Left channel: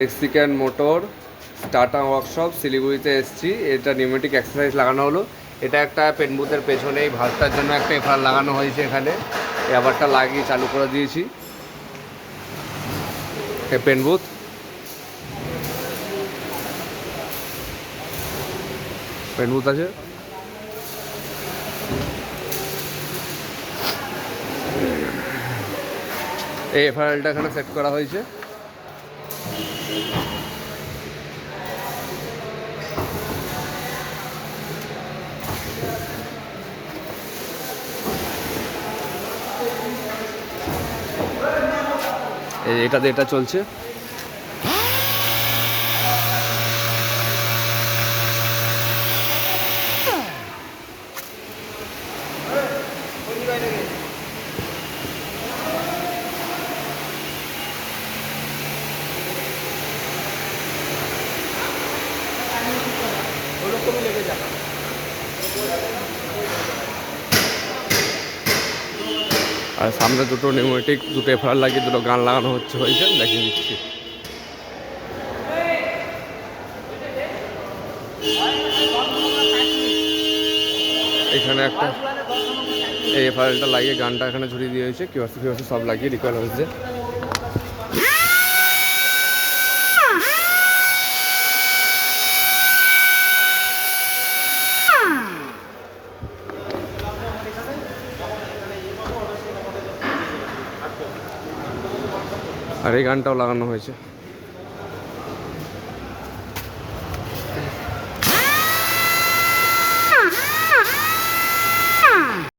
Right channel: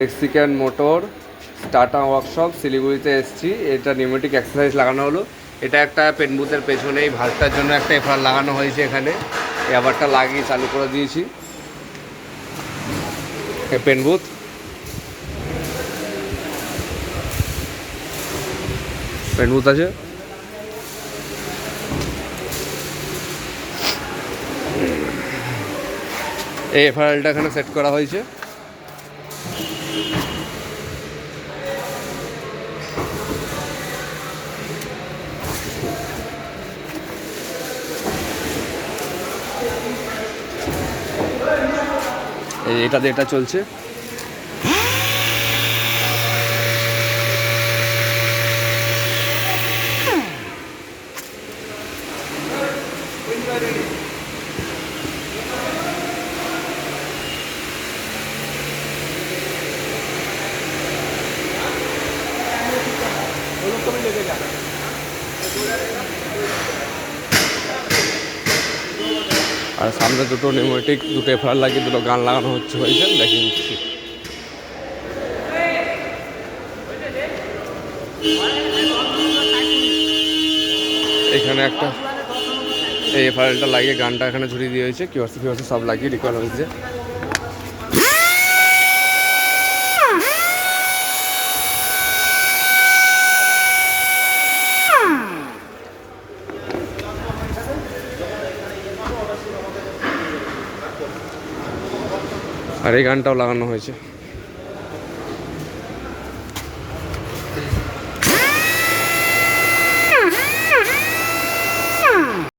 Mexican motor tata workshop শিলিগুড়িতে এসেছি। এটা নিউমেটিক এক্সারসাইজ লাগানো হলো। এটা একটা পেন বুথের পেছনেই ভাল্বটার জন্য একটা এফআর লাগানো হয়েছে। এখানে এবারটা লাগিয়ে চালু করে দিয়েছি। পেন বুথ আছে। এই এফআরএলটা এখানে সেট করা হয়েছে। এটা চলছে। আর সামনে দুটো নিউমেটিক দুটো এফআর লাগিয়ে দুটো গান লাগানো হয়েছে দেখিয়ে দিচ্ছি। এখানে একটা এই এফআরএলটা লাগিয়ে গানটা এখানে ঝুলিয়ে দিয়ে হয়েছে। কিউআরসি সব লাগিয়ে রিকল হয়েছে। আর এই গানটাও লাগানো হয়েছে।